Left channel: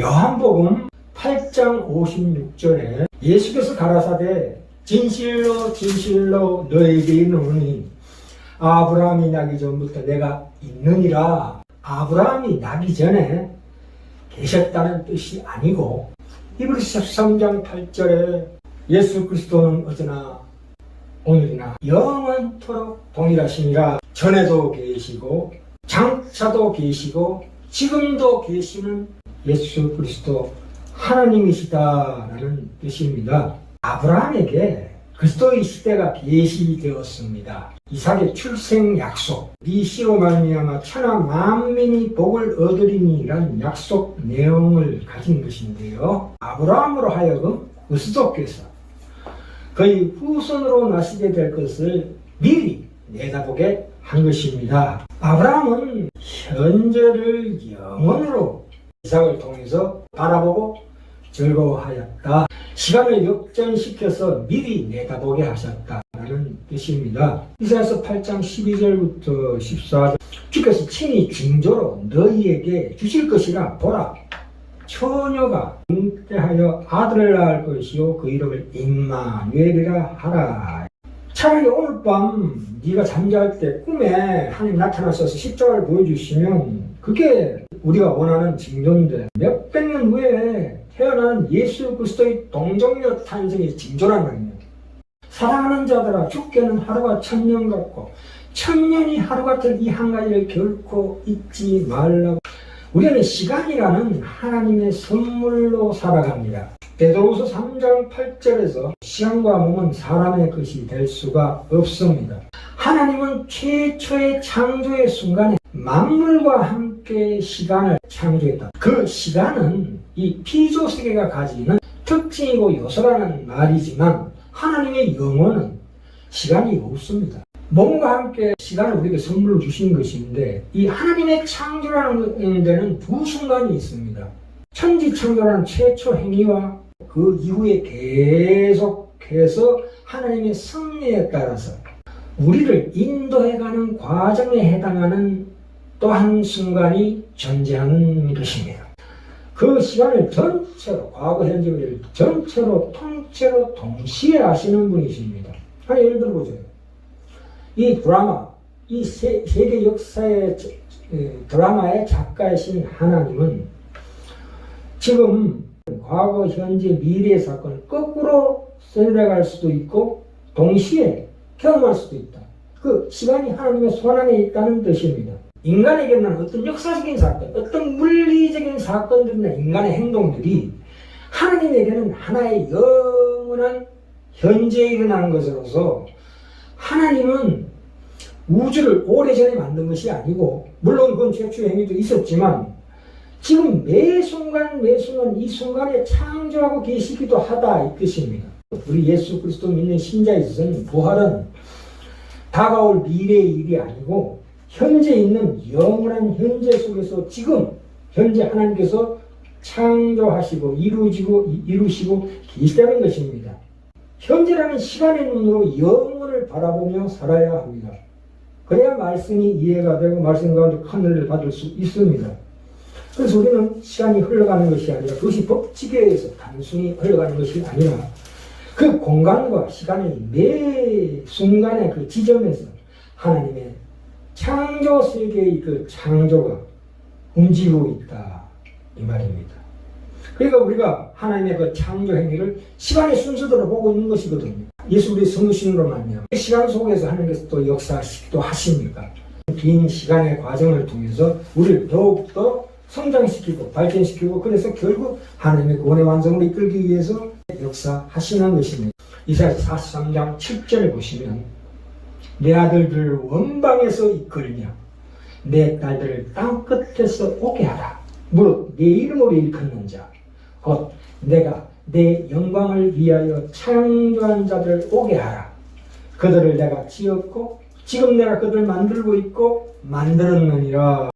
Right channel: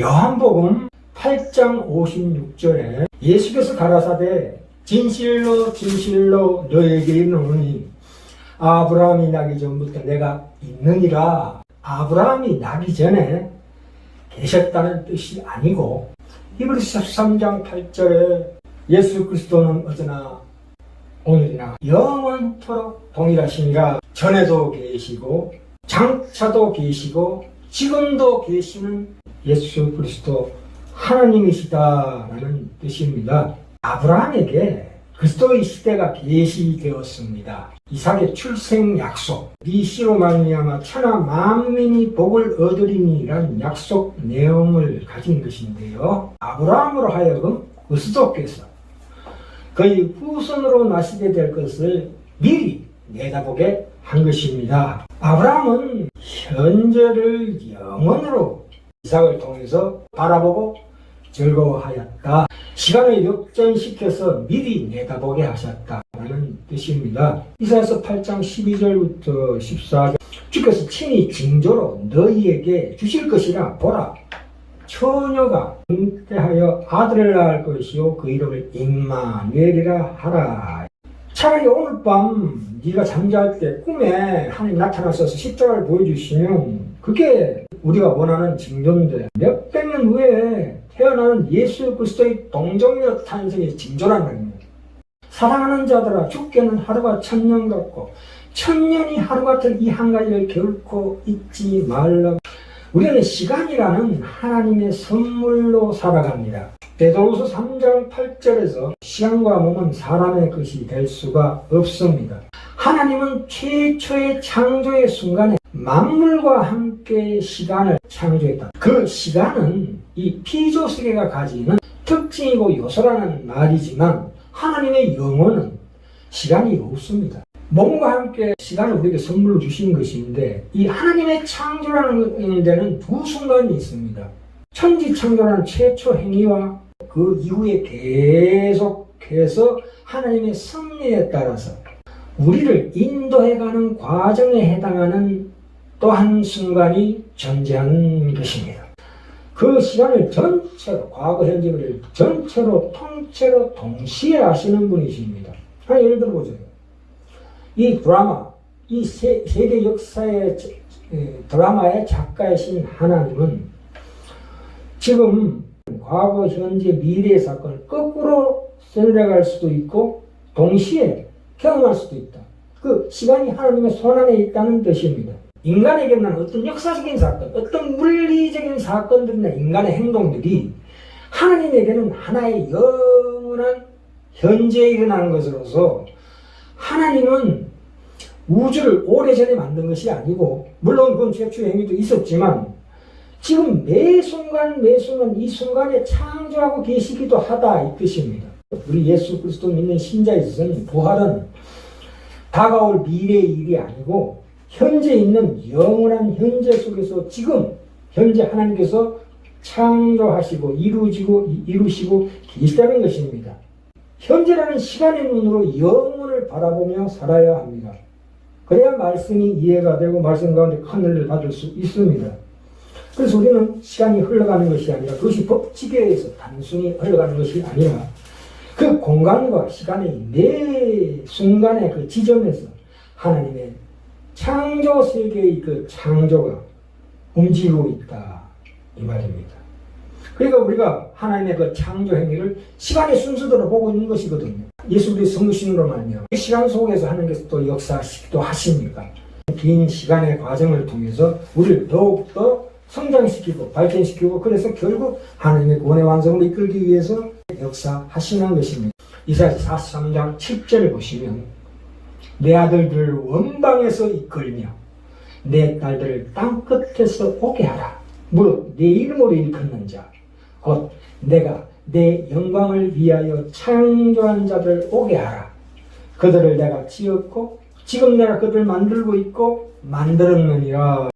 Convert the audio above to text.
요한복음 8장 56절에 예수께서 가라사대 진실로 진실로 너에게 이르노니 아브라함이 나기 전부터 내가 있느니라. 아브라함이 나기 전에 계셨다는 뜻이 아니고 히브리서 13장 8절에 예수 그리스도는 어제나 오늘이나 영원토록 동일하시니라. 전에도 계시고 장차도 계시고 지금도 계시는 예수 그리스도 하나님이시다라는 뜻입니다. 아브라함에게 그리스도의 시대가 계시되었습니다. 이삭의 출생 약속, 네 씨로 말미암아 천하 만민이 복을 얻으리니라는 약속 내용을 가진 것인데요. 아브라함으로 하여금 그리스도께서 그의 후손으로 나시게 될 것을 미리 내다보게 한 것입니다. 아브라함은 현재를 영원으로 이삭을 통해서 바라보고 즐거워하였다. 시간을 역전시켜서 미리 내다보게 하셨다는 뜻입니다. 이사야서 8장 12절부터 14절 주께서 친히 징조로 너희에게 주실 것이라 보라 처녀가 잉태하여 아들을 낳을 것이요 그 이름을 임마누엘이라 하라 차라리 오늘 밤 네가 잠잘 때 꿈에 하나님 나타나셔서 십자가를 보여주시면 그게 우리가 원하는 징조인데 몇백 년 후에 태어나는 예수 그리스도의 동정녀 탄생의 징조란 말입니다. 사랑하는 자들아 죽게는 하루가 천년 같고 천년이 하루 같은 이 한 가지를 결코 잊지 말라고 우리는 시간이라는 하나님의 선물로 살아갑니다. 베드로서 3장 8절에서 시간과 몸은 사람의 것이 될 수가 없습니다. 하나님은 최초의 창조의 순간에 만물과 함께 시간을 창조했다. 그 시간은 이 피조 세계가 가지는 특징이고 요소라는 말이지만 하나님의 영혼은 시간이 없습니다. 몸과 함께 시간을 우리에게 선물로 주신 것인데 이 하나님의 창조라는 데는 두 순간이 있습니다. 천지창조라는 최초 행위와 그 이후에 계속해서 하나님의 섭리에 따라서 우리를 인도해가는 과정에 해당하는 또 한 순간이 존재하는 것입니다. 그 시간을 전체로 과거 현재 를 전체로 통째로 동시에 아시는 분이십니다. 한 예를 들어보죠. 이 드라마, 이 세, 세계 역사의 에, 드라마의 작가이신 하나님은 지금 과거, 현재, 미래의 사건을 거꾸로 선택할 수도 있고 동시에 경험할 수도 있다. 그 시간이 하나님의 손 안에 있다는 뜻입니다. 인간에게 는 어떤 역사적인 사건, 어떤 물리적인 사건들이나 인간의 행동들이 하나님에게는 하나의 영원한 현재에 일어나는 것으로서 하나님은 우주를 오래전에 만든 것이 아니고 물론 그건 최초 행위도 있었지만 지금 매 순간 매 순간 이 순간에 창조하고 계시기도 하다 이 뜻입니다. 우리 예수 그리스도 믿는 신자에 있어서는 부활은 다가올 미래의 일이 아니고 현재 있는 영원한 현재 속에서 지금 현재 하나님께서 창조하시고 이루시고 이루시고 계시다는 것입니다. 현재라는 시간의 눈으로 영혼을 바라보며 살아야 합니다. 그래야 말씀이 이해가 되고 말씀 가운데 큰 은혜를 받을 수 있습니다. 그래서 우리는 시간이 흘러가는 것이 아니라 그것이 법칙에 의해서 단순히 흘러가는 것이 아니라 그 공간과 시간의 매 순간의 그 지점에서 하나님의 창조 세계의 그 창조가 움직이고 있다. 이 말입니다. 그러니까 우리가 하나님의 그 창조 행위를 시간의 순서대로 보고 있는 것이거든요. 예수 그리스도 성신으로 말미암아 이 시간 속에서 하나님께서 또 역사하시기도 하십니까? 긴 시간의 과정을 통해서 우리를 더욱더 성장시키고 발전시키고 그래서 결국 하나님의 원의 완성으로 이끌기 위해서 역사하시는 것입니다. 이사야 43장 7절을 보시면 내 아들들을 원방에서 이끌며 내 딸들을 땅 끝에서 오게 하라. 무릇 내 이름으로 일컫는 자, 곧 내가 내 영광을 위하여 창조한 자들 오게 하라. 그들을 내가 지었고 지금 내가 그들을 만들고 있고 만들었느니라.